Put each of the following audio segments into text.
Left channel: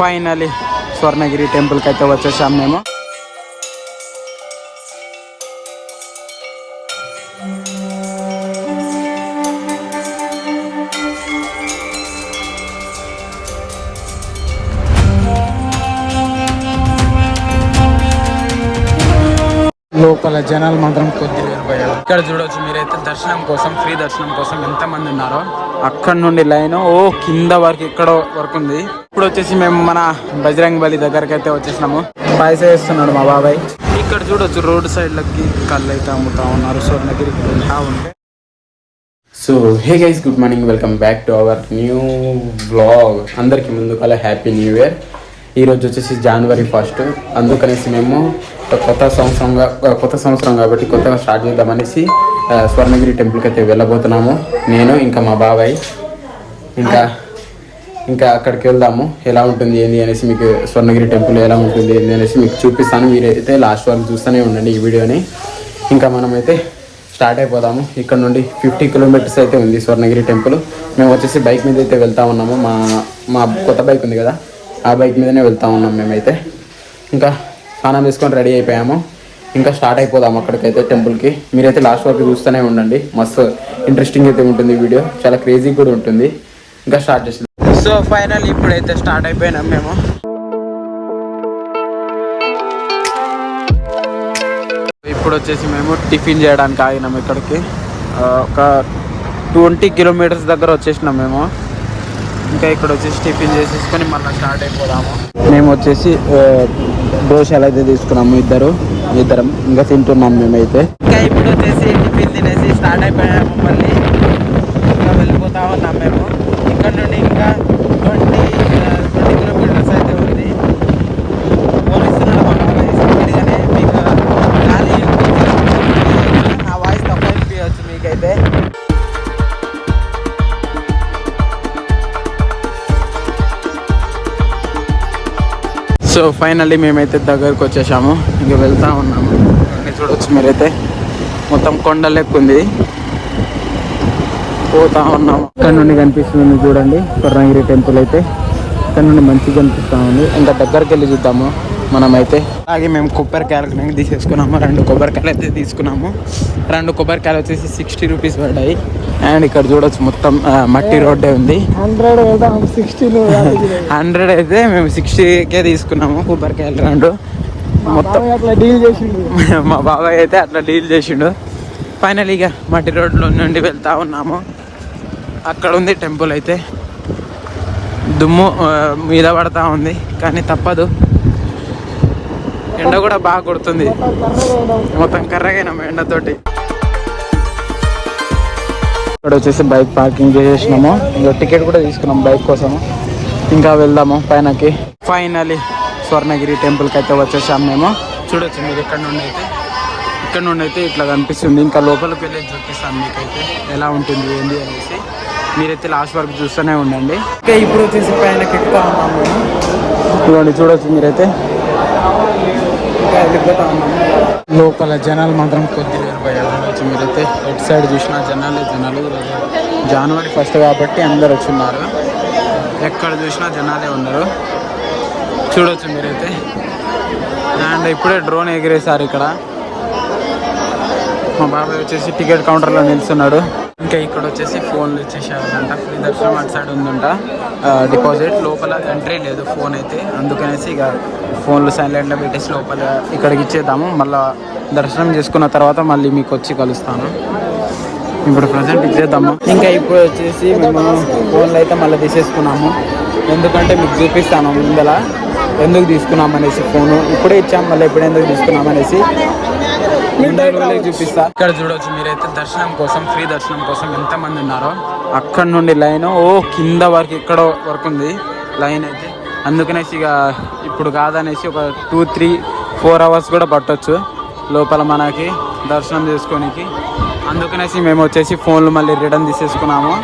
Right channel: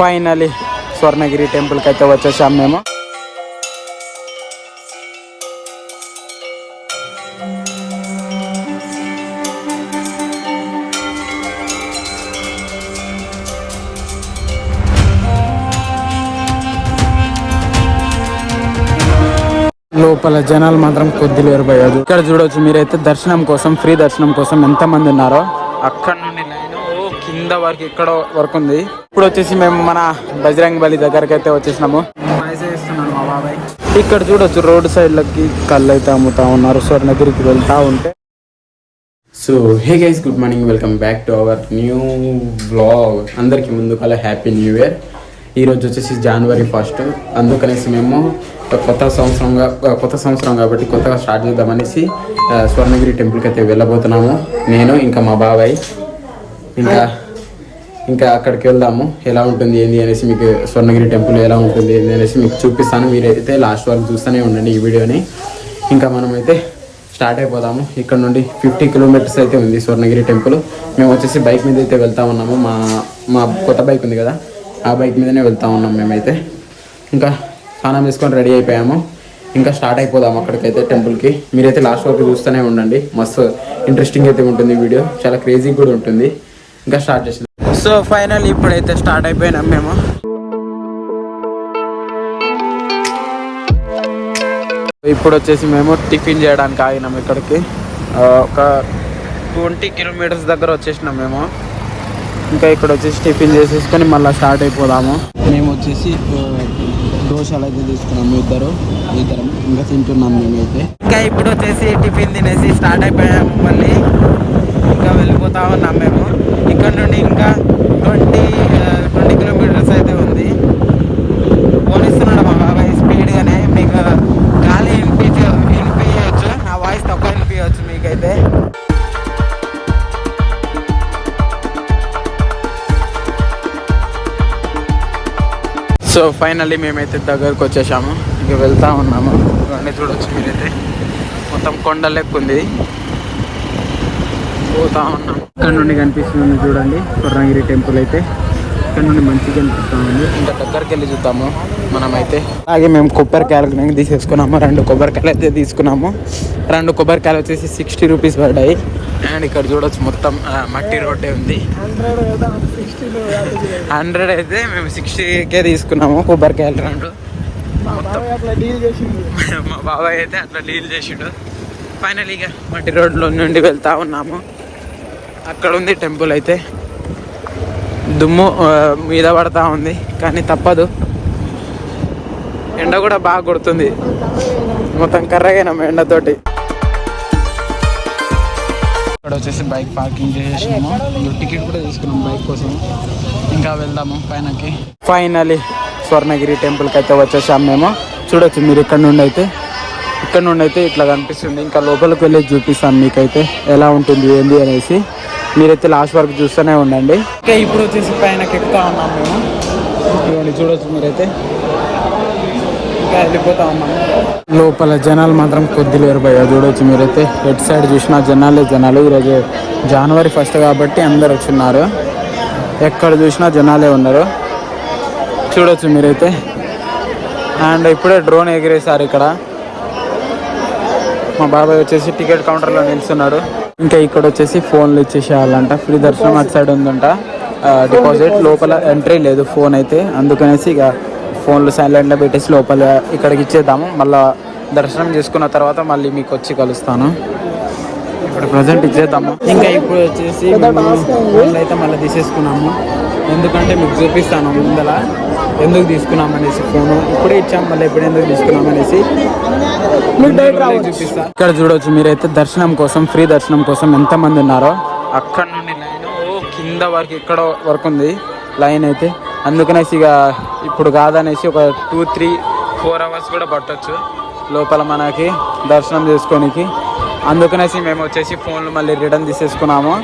Finally Swarnagiri టెంపుల్కి అయితే వచ్చేసాం మేము. జనాలు మాత్రం కొద్దిలేరు పోయారు ఇక్కడ చూడొచ్చు మీరైతే దర్శనం కోసం ఫ్రీ దర్శనం కోసం ఎంతమంది ఉన్నారో. అక్కడ నుండి లైన్. ఓ కింద వరకు ఇక్కడ వరకు ఉంది. ఇప్పుడు వచ్చేసి మేము మన బజరంగ్ బలి దగ్గరకి అయితే వచ్చేసినాము. పైసా వేస్తున్నాడు మా బాబాయ్. ఇక్కడ చూడొచ్చు రోడ్ సైడ్ లకి కళ్ళు అయితే అమ్ముతా ఉన్నారు. స్వర్ణగిరికి వెళ్తా ఉంటే. So hey guys good morning welcome back to our new vlog అందరికి ముందు కల హ్యాపీ న్యూ ఇయర్ ఈ రోజు వచ్చేసి జనవరి ఫస్ట్ అందుకనేసి మేము కొత్త సంవత్సరంగా కొత్త సంవత్సరం కాబట్టి కొత్తగా స్టార్ట్ చేద్దామనేసి స్వర్ణగిరి టెంపుల్కి అయితే వెళ్ళబోతున్నాము. నేను ఇంకా మా బాబాయ్ ఇంకా ఇంకా అక్కడికి వెళ్దాము. ఎలా ఉంటుంది ఏంది అనేసి మీకు స్వర్ణగిరి టెంపుల్ ఎలా ఉంటుంది ఏంది అనేసి మీకు చూపిస్తాను. మీరైతే లాస్ట్ వరకు చూస్తూనే ఉండండి ఈ వీడియోని. ఇంకా మనమైతే స్టార్ట్ అయిపోదాము. ఇక్కడ నుండి ఫిఫ్టీ కిలోమీటర్స్ అయితే ఉంది స్వర్ణగిరి టెంపుల్. మేము వచ్చేసి బైక్ మీద అయితే వెళ్తా ఉన్నాము. మా మా కొత్త బైక్ ఉంది కదా ఆ బైక్ మీదనే వెళ్తా ఉన్నాం మేమైతే. ఇంకా స్నానం వేసుకొని రెడీ అయిపోయాము. ఇంకా స్టార్ట్ అయిపోదాం అక్కడికైతే టెంపుల్కి. మీరైతే లాస్ట్ వరకు చూస్తూనే ఉండండి. మస్తు ఇంట్రెస్టింగ్ అయితే ఉంటుంది వీడియో. చాలా క్రేజీ కూడా ఉంటుంది. ఇంకా స్టార్ట్ చేసి సో ఫైనల్ ఇప్పుడైతే స్టార్ట్ అయిపోయినాం మేము. ఇప్పుడు వచ్చేసి మేము టిఫిన్ చేయడానికి ఆగినాం ఇక్కడికి. ఒక ట్వంటీ కిలోమీటర్స్ దగ్గర వచ్చేసినాం మేము. ఇంకా ఇక్కడ వచ్చేసి టిఫిన్ చేసేసుకొని మళ్ళీ స్టార్ట్ అయిపోదాము. మేము వచ్చేసి దోశలు అయితే తీసుకున్నాము ఇద్దరు. ఇద్దరం ఇంకా తింటున్నాం మేమైతే. ఇప్పుడు వచ్చేసి టిఫిన్ తినేసి స్టార్ట్ అయిపోయాము మళ్ళీ ఇంకా వెళ్ళిపోతా ఉన్నాం మేము. ఇక్కడ నుండి ఇంకా ట్వంటీ ట్వంటీ కిలోమీటర్స్ అయితే సో ఫైనల్లీ మేమైతే దగ్గరకు వచ్చేసాము. ఇంక వెళ్తా ఉన్నాము. ఇవన్నీ చూడొచ్చు మీరైతే. మొత్తం కొండ లెక్క ఉంది. పోతా ఉన్నాము. ఇక్కడ నుండి కనిపిస్తుంది చూడండి స్వర్ణగిరి టెంపుల్ అయితే. ఇక్కడ నుండి మంచిగా కనిపిస్తా ఉంది. ఇంకా దగ్గరికి వెళ్ళి చూద్దాము మనమైతే. అలాగే మేము కొబ్బరికాయలు తీసేసుకున్నాము. రెండు కొబ్బరికాయలు అయితే తీసుకున్నాము. రెండు కొబ్బరికాయలు వచ్చేసి సిక్స్టీ రూపీస్ పడ్డాయి. అండ్ ఇక్కడ చూడొచ్చు మొత్తం మట్టి రోడ్డే ఉంది. హండ్రెడ్ అయితే మేము సిక్స్టీకే తీసుకున్నాము కొబ్బరికాయలు రౌండ్. మొత్తం మా బాబాయ్ అయితే అట్లా డీల్ చేసిండు. ఫైనల్ ఇక మట్టి రోడ్లో నుండి వెళ్తా ఉన్నాము. అక్కడ ఉంది టెంపుల్ అయితే. దుమ్ము మీద పడతా ఉంది కానీ తప్పదు. ఎండ కూడా బాగా కొడుతుంది. మొత్తం కర్రగైనాం ఎండతోటి. ఇక్కడ వచ్చేసి బైక్ పార్కింగ్ చేసేసినాము. ఇంకా టికెట్ కూడా తీసుకున్నాం బైక్ కోసము. ఇంకా వెళ్దాము పైనకి. ఫైనలీ స్వర్ణగిరి టెంపుల్కి అయితే వచ్చేసాం మేము. చూడొచ్చు మీరు ఇక్కడ నుండి అయితే. ఇక్కడ నుండి అయితే ఇట్లా కనిపిస్తుంది. ఇంకా లోపలికి వెళ్ళి చూపిస్తాను మీకైతే ఎలా ఉంటుంది ఏంది అనేసి. మీరైతే లాస్ట్ వరకు చూస్తూనే ఉండండి. ఓకే ఇప్పుడు వచ్చేసి పైనకి ఎక్కుతా ఉన్నాం మేము. ఇదిగోండి చూడొచ్చు మీరైతే. ఇంకా వెళ్ళిపోతా ఉన్నాము లోపల జనాలు మాత్రం కొద్ది లేరు భయ చూడొచ్చు మీరైతే. లెఫ్ట్ సైడ్ చూసిన జనాలే జనాలు. ఈరోజు జనవరి ఫస్ట్ కాబట్టి అందరు వచ్చిన్నారు ఎక్కడ చూసినా జనాలే ఉన్నారు. చూడొచ్చు మీరైతే. అండ్ ఇప్పుడే డ్రోన్ ఎగిరేసారు ఇక్కడ. మా బాబాయ్ వచ్చేసి టికెట్ కౌంటర్లో నిల్చున్నాడు. ఇంకా ఇక్కడ వచ్చేసి ఫోన్లు ఇచ్చేసేయాలంట. ఫ్రీ దర్శనం అటు సైడ్ ఉందంట. డిపాజిట్ లోపల ఎంట్రీ లేదు ఫోన్ అయితే. అందుకనేసి ఇక ఫోన్లు సైలెంట్లో పెట్టేసి లోపల ఇక్కడికి ఇచ్చేద్దాము. మళ్ళీ దర్శనం చేసుకున్న తర్వాత మళ్ళీ మీకు వచ్చి కలుస్తాను. ఇప్పుడు ప్రజెంట్ ఇచ్చేద్దాము. ఇంకా ఇప్పుడు వచ్చేసి మేము ఫోన్లు అయితే మళ్ళీ తీసేసుకున్నాము. ఎందుకంటే మీకు చూపిస్తాను ముందల ఎందుకు తీసుకున్నాం అనేసి ఫోను ఇప్పుడే ఇచ్చాం మళ్ళీ ఇప్పుడు ఎందుకు తీసుకున్నాం అనేసి చూపిస్తా. ఇక్కడ చూడొచ్చు మీరైతే దర్శనం కోసం ఫ్రీ దర్శనం కోసం ఎంత మంది ఉన్నారో. అక్కడ నుండి లైన్ ఓ కింద వరకు ఇక్కడ వరకు ఉంది లైన్ అయితే. అందుకనేసి ఇక ఇప్పుడు కాదనేసి ఒక టూ త్రీ ఫోర్ అవర్స్ కూడా పట్టొచ్చు. లోపల మనకి దర్శనం చేసుకోనికి. అందుకనేసి మేము వచ్చేసి ఫోన్లు మళ్ళీ రిటర్న్ తీసేసుకున్నాము.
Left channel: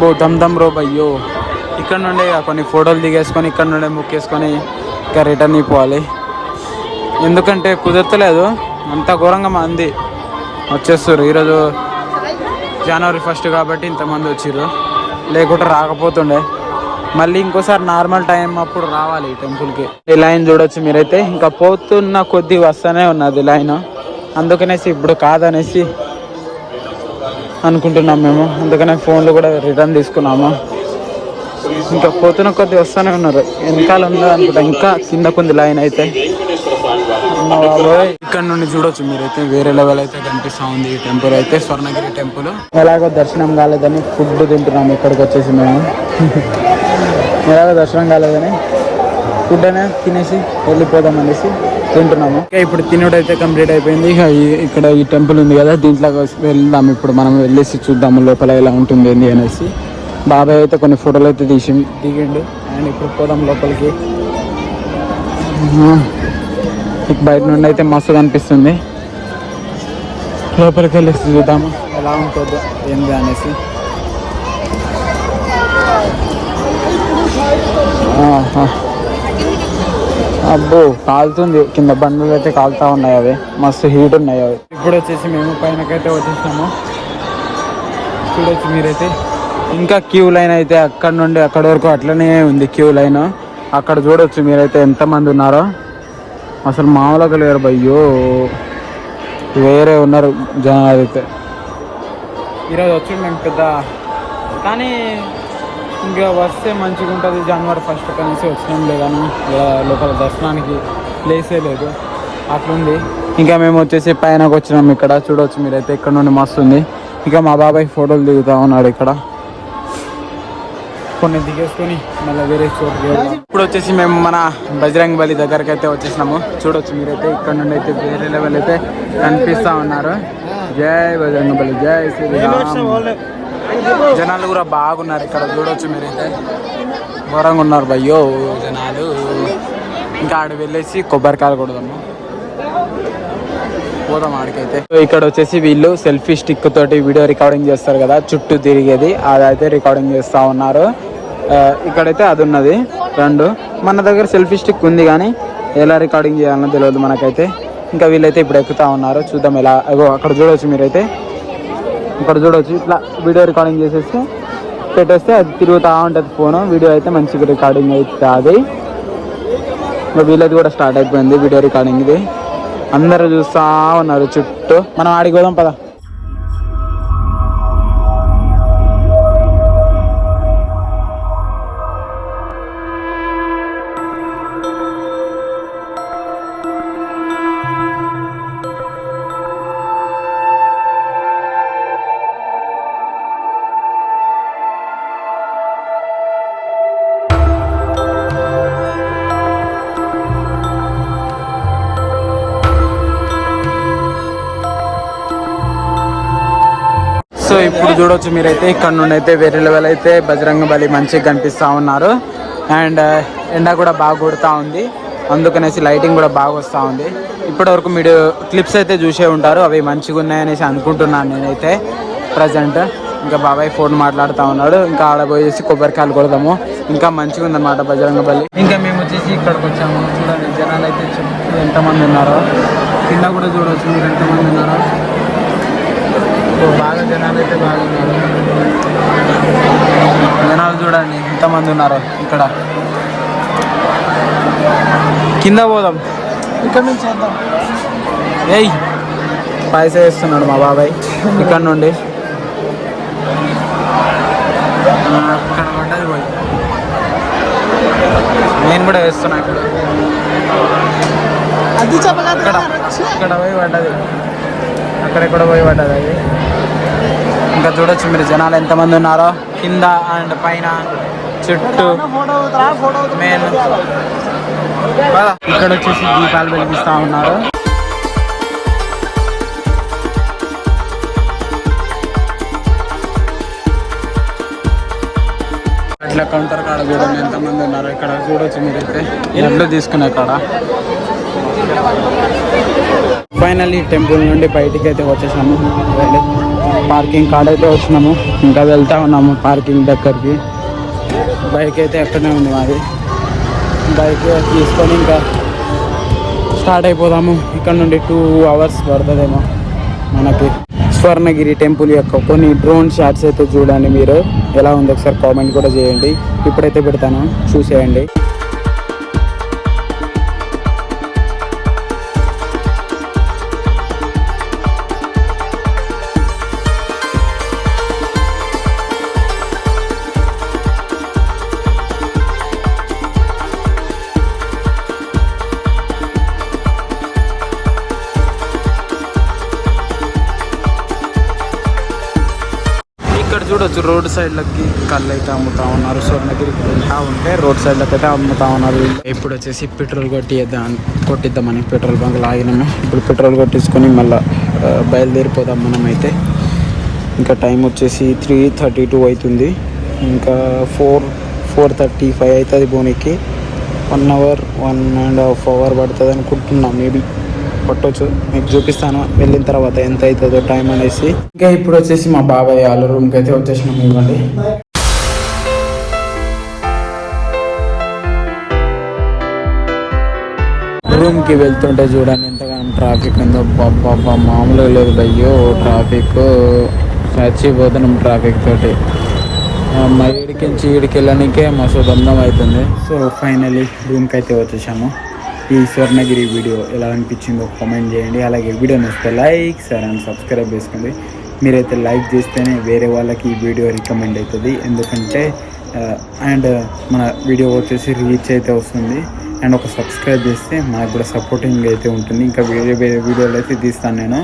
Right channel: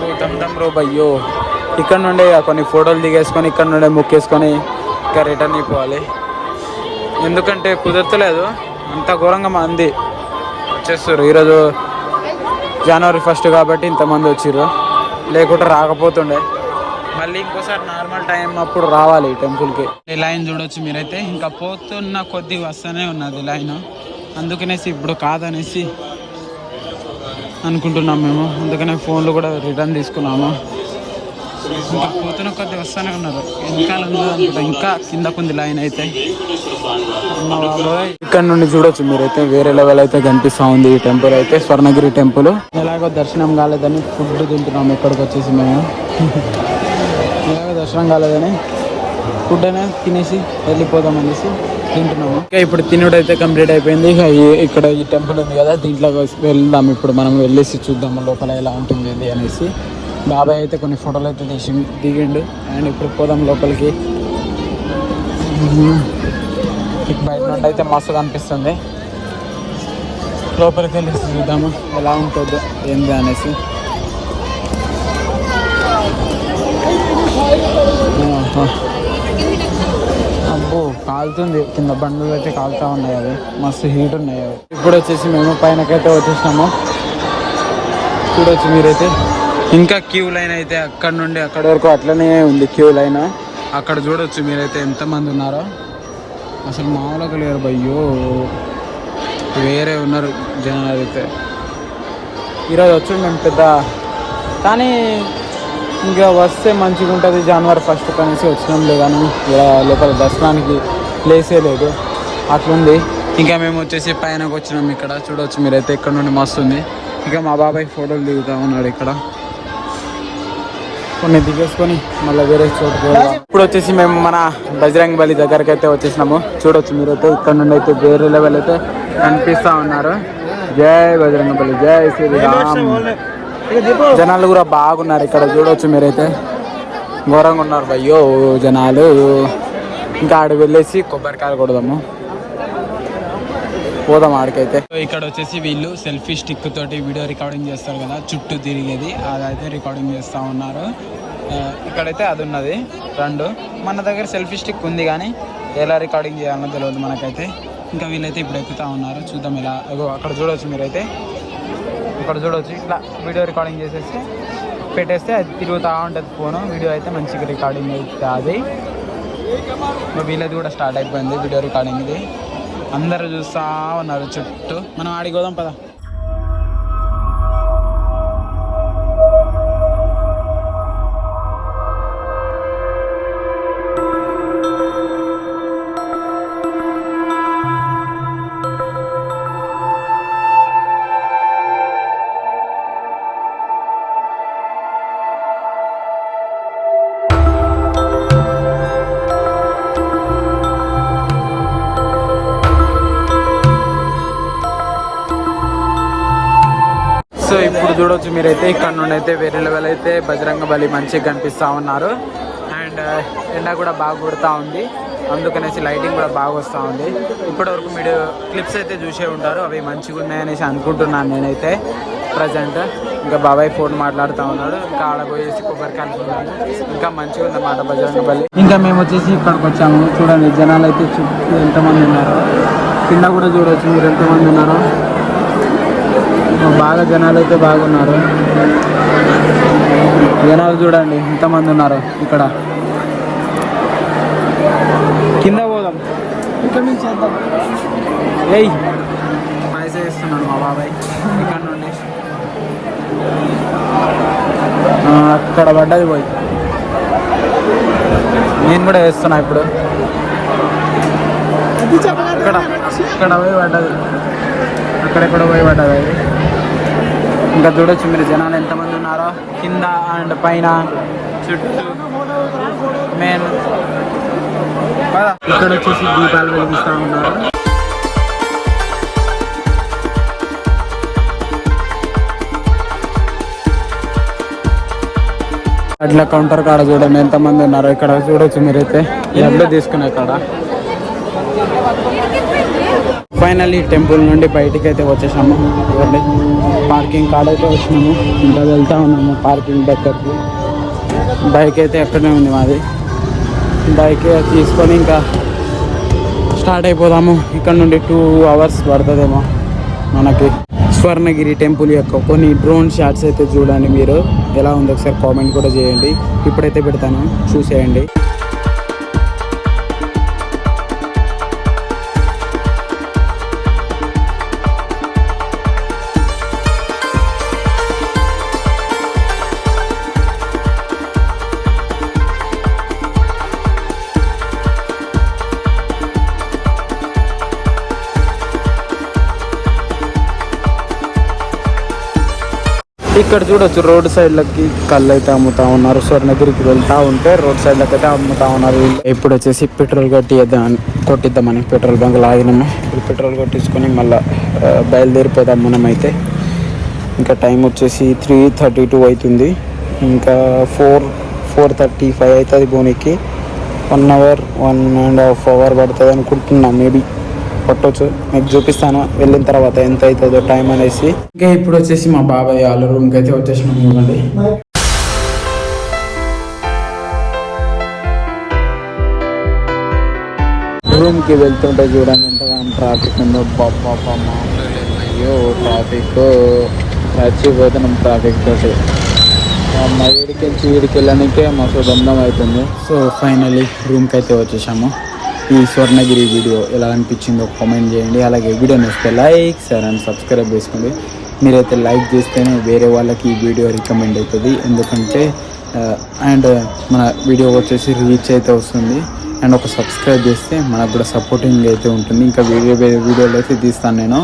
బో దమ్ దమ్ రో బయ్యో ఇక్కడ నుండే కొన్ని ఫోటోలు దిగేసుకొని ఇక్కడ నుండే ముక్కేసుకొని ఇంకా రిటర్న్ అయిపోవాలి. ఎందుకంటే కుదరతలేదు. అంత ఘోరంగా మంది వచ్చేస్తారు ఈరోజు జనవరి ఫస్ట్ కాబట్టి ఇంతమంది వచ్చిర్రు. లేకుంటే రాకపోతుండే. మళ్ళీ ఇంకోసారి నార్మల్ టైం అప్పుడు రావాలి ఈ ఈ లైన్ చూడొచ్చు మీరైతే. ఇంకా పోతున్న కొద్ది వస్తూనే ఉన్నది లైన్ అందుకనేసి ఇప్పుడు కాదనేసి అనుకుంటున్నాం మేము. అందుకనే ఫోన్లు కూడా రిటర్న్ తీసుకున్నాము. ఇంకా పోతున్న కొద్ది వస్తూనే ఉన్నారు. వెనకాల ఉన్నది అనుకుంటా. ఇంకా కిందకుంది లైన్ అయితే. ఇక్కడ నుండి చూడొచ్చు మీరైతే. వేరే లెవెల్ అయితే కనిపిస్తా ఉంది ఈ టెంపుల్ అయితే. స్వర్ణగిరి టెంపుల్ ఎలాగో దర్శనం కాలేదని ఫుడ్ తింటున్నాము. ఇక్కడికి వచ్చేసి మేము. ఎలాగో దర్శనం కాలేదని ఫుడ్ అనే తినేసి వెళ్ళిపోదాం అనేసి తింటున్నాము. ఇంకా ఇప్పుడు తినడం అయితే కంప్లీట్ అయిపోయింది. ఇక్కడ ఈ టెంపుల్ ఉంది కదా దీంట్లో వెళ్దాం. ఇప్పుడు మనం వెళ్ళేసి చూద్దాము లోపల ఎలా ఉంటుంది అనేసి. బాగా అయితే కొన్ని ఫోటోలు అయితే తీసి దిగిండు. అండ్ ఇప్పుడు పోదాం లోపలికి. బయట నుండి అయితే మస్తు అనిపిస్తుంది. లోపలికి వెళ్ళేసి చూద్దాము ఎలా ఉంటుందో ఏంది అనేసి. కాలుతుంది. కింద బండ్లు అయితే కాలుతా ఉన్నాయి అవి. మస్తు హీట్ ఉన్నాయి అవి. ఇప్పుడు వచ్చేసి మేము పైనకైతే వచ్చేసినాము చూడొచ్చు మీరైతే. ఇంకా క్యూ లైన్ అయితే అక్కడ నుండి అక్కడ వరకు అట్లనే ఉంది క్యూ లైన్ అక్కడ చూడొచ్చు మీరైతే ఎంతమంది ఉన్నారో. అసలు మామూలుగా లేరు భయ్యో. వేరే ఉన్నారు జనాలు అయితే. ఈరోజు వచ్చి మేము పెద్ద. కానీ ఇంకా వస్తే మంచిగా ఉంటుంది జనవరి ఫస్ట్ కనేసి వచ్చినాంలే కానీ లోపల దర్శనానికి ప్లేసే లేదు. అట్లుంది. ఇంకా మేము వచ్చేసి పైనకి వచ్చినాం ఇక్కడ. చూడవచ్చు మీరైతే ఇక్కడ నుండి మస్తు ఉంది. ఇంకా మా బాబాయ్ ఫోటోలు దిగుతా ఉన్నాడు ఇక్కడ. కొన్ని దిగేసుకొని మళ్ళీ వేరే చోటుకి ఇప్పుడు వచ్చేసి మేము మన బజరంగ్ బలి దగ్గరికి అయితే వచ్చేసినాము. చూడొచ్చు మీరైతే ఇక్కడ నుండి అయితే వేరే లెవెల్ అయితే కనిపిస్తా ఉన్నారు. జై బజరంగ బలి. జై శ్రీరామ్. జనాలు కూడా బాగున్నారు ఇక్కడ. చూడొచ్చు మీరైతే. ఘోరంగా ఉన్నారు. భయ్యో జనాలు. ఇంకా ఆడ వెళ్ళేసి కొబ్బరికాయలు కొడదాము. పోదాం ఆడికైతే. ఇక్కడ వచ్చేసి వీళ్ళు సెల్ఫీ స్టిక్ తోటి వీడియో రికార్డింగ్ చేస్తారు కదా చుట్టూ తిరిగేది. అదైతే రికార్డింగ్ చేస్తా ఉన్నారు. ఇక్కడైతే అది ఉన్నది. రెండు. మన దగ్గర సెల్ఫీ స్టిక్ ఉంది కానీ ఎలా రికార్డింగ్ చేయాలో తెలియదు మనకైతే. ఇంకా వీళ్ళైతే ఇప్పుడు ఎక్కుతా ఉన్నారు. చూద్దాం ఎలా. అగో అక్కడ చూడవచ్చు మీరైతే. ఇక్కడ చూడవచ్చు ఇట్లా వీడియో రికార్డింగ్ చేసేసి పెట్టేస్తే అది తిరుగుతూ ఉంటుంది ఫోను. వీడియో అయితే మంచిగా రికార్డింగ్ అవుతుంది. ఇప్పుడు వీళ్ళది కూడా స్టార్ట్ అయిపోయింది వీడియో రికార్డింగ్ ఇది. అందరూ చూస్తా ఉన్నారు చుట్టూ. మనం ఆడికి పోదాం. చూడొచ్చు మీరైతే. ఇక్కడ నుండి అయితే వేరే లెవెల్ అయితే బజరంగ బలి మంచిగా కనిపిస్తా ఉన్నారు. అండ్ ఎండ కూడా బాగా కొడుతూ ఉంది. అందుకనేసి లైటింగ్ కూడా బాగా వస్తూ ఉంది. ఇప్పటి వరకు మీరు క్లిప్స్ అయితే చూసే ఉంటారు. అవి మంచిగా ఉన్నాయనేసి అనుకుంటున్నాను నేనైతే. ప్రజెంట్ ఇంకా బాబాయ్ ఫోన్ మాట్లాడుతూ ఉన్నాడు. ఇంకా ఆడ పోయేసి కొబ్బరికాయలు కొడదాము. ఇంకా మంచిగా ఉందన్నమాట బజరంగ బలి. ఇంకా మేము వచ్చేసి ఇక్కడికి వచ్చాము. చూడండి జనాలు అయితే ఎంతమంది ఉన్నారో. కింద కూడా చూడవచ్చు మీరు ఎంతమంది ఉన్నారో. బాగా జనాలు అయితే బాగున్నారు. జనాలు చూడండి ఎంతమంది ఉన్నారు ఇక్కడ. కింద పోదాం. ఏయ్ పైస వేస్తున్నాడు మా బాబాయ్ ఇక్కడ నుండి. అక్కడ పడ్డది పోయి. నేను కూడా వేస్తున్నా ఇప్పుడు. అక్కడ అక్కడ పోయి పడ్డది. అక్కడెక్కడ పోయి పడ్డది అది. ఇంకా చూడొచ్చు మీరు జనాలు ఎంతమంది ఉన్నారో. కింద అండ్ పైన చుట్టూ మెయిన్. ఇక్కడ వచ్చేసి దీపాలు వెలిగిస్తూ ఉన్నారు. అట్లా కౌంటర్ కాడ చూడండి ఎంతమంది ఉన్నారో. ఇక్కడ చూడొచ్చు మీరైతే. లడ్లు తీసుకునే కాడ. ఫైనల్లీ టెంపుల్ నుండి బయటికి అయితే వచ్చేసాము. చూడండి. పార్కింగ్ కాడైతే వస్తున్నాము. వచ్చినాము ఇంకా వెళ్తా ఉన్నాము పార్కింగ్ దగ్గరికి. బైక్ అయితే ఎక్కడనే ఉంది మాది. బైక్ తీసుకొని ఇంకా స్టార్ట్ అయిపోదాము. ఇక్కడ నుండి టూ అవర్స్ పడుతుందేమో మనకి. స్వర్ణగిరి టెంపుల్ యొక్క కొన్ని డ్రోన్ షాట్స్ అయితే చూడండి మీరు. ఎలా ఉంది ఒకసారి కామెంట్ కూడా చేయండి. ఇప్పుడైతే పెడతాను. చూసేయండి. ఇక్కడ చూడొచ్చు రోడ్ సైడ్ లకి కళ్ళు అయితే అమ్ముతా ఉన్నారు. స్వర్ణగిరికి వెళ్తా ఉంటే రోడ్ సైడ్ లకి అయితే అమ్ముతా ఉన్నారు ఇప్పుడు వచ్చేసి పెట్రోల్ కొట్టిద్దాం కొట్టిద్దామని పెట్రోల్ బంక్ లాగినాము. ఇప్పుడు పెట్రోల్ కొట్టించుకొని మళ్ళీ బయలుదేరిపోదాం మనం అయితే ఇంకా టైం వచ్చేసి త్రీ థర్టీ టూ అవుతుంది. ఇంకా ఫోర్ ఫోర్ థర్టీ ఫైవ్ అవుతుంది బోనికి one hour one and half hour పడుతుంది అనుకుంటున్నాం మేబీ. పట్టొచ్చు. మీకు చూపిస్తాను. వెళ్ళిన తర్వాత ఎంత అవుతుందో టైం అనేసి. ఇంకా ఇప్పుడు వచ్చేసి మా బాబాయ్ వాళ్ళ రూమ్కి అయితే వచ్చేసినాం. ఇవ్వండి. ట్రాఫిక్ ఉందో మామూలుగా లేదు బైక్ ట్రాఫిక్ నచ్చిపోతున్నాం ట్రాఫిక్ తోటి ఈడికి చీడికి వెళ్ళడానికే మస్తు అవుతుంది సో ఫైనలీ రూమ్కి అయితే వచ్చేసాము. ఈ స్వర్ణగిరి వీడియో ఎలా అనిపించిందో కామెంట్ చేయండి. అలాగే వీడియో నచ్చితే లైక్ సార్ అండ్ సబ్స్క్రైబ్ చేసుకోండి. మీరైతే లైక్ చేస్తేనే వేరే వాళ్ళకి ఈ వీడియో రికమెండ్ అవుతుంది. ఎందుకంటే అండ్ మన వీడియో వచ్చేసి రీచ్ అయితే వస్తుంది. అండ్ ఒక సబ్స్క్రైబ్ చేస్తే మనకు కూడా సపోర్టింగ్ అయితే ఉంటుంది. ఇంకా వేరే వేరే వీడియోలు అయితే తీస్తాను నేను.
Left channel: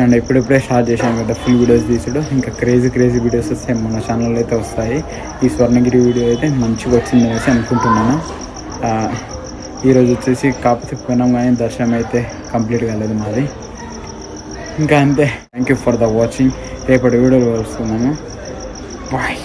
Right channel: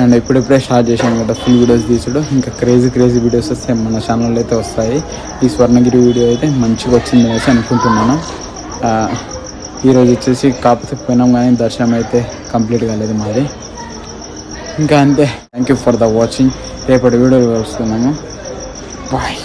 అండ్ ఇప్పుడిప్పుడే స్టార్ట్ చేశాను కదా ఫుల్ వీడియోస్ తీసాడు ఇంకా క్రేజీ క్రేజీ వీడియోస్ వస్తే మన ఛానల్లో అయితే వస్తాయి. ఈ స్వర్ణగిరి వీడియో అయితే మంచిగా వచ్చింది అనేసి అనుకుంటున్నాను. ఈరోజు వచ్చేసి కాకపోతే పోయినాం కానీ దర్శనం అయితే కంప్లీట్ కాలేదు మాది. ఇంకా అంతే. Thank you for the watching రేపటి వీడియో వస్తున్నాము బాయ్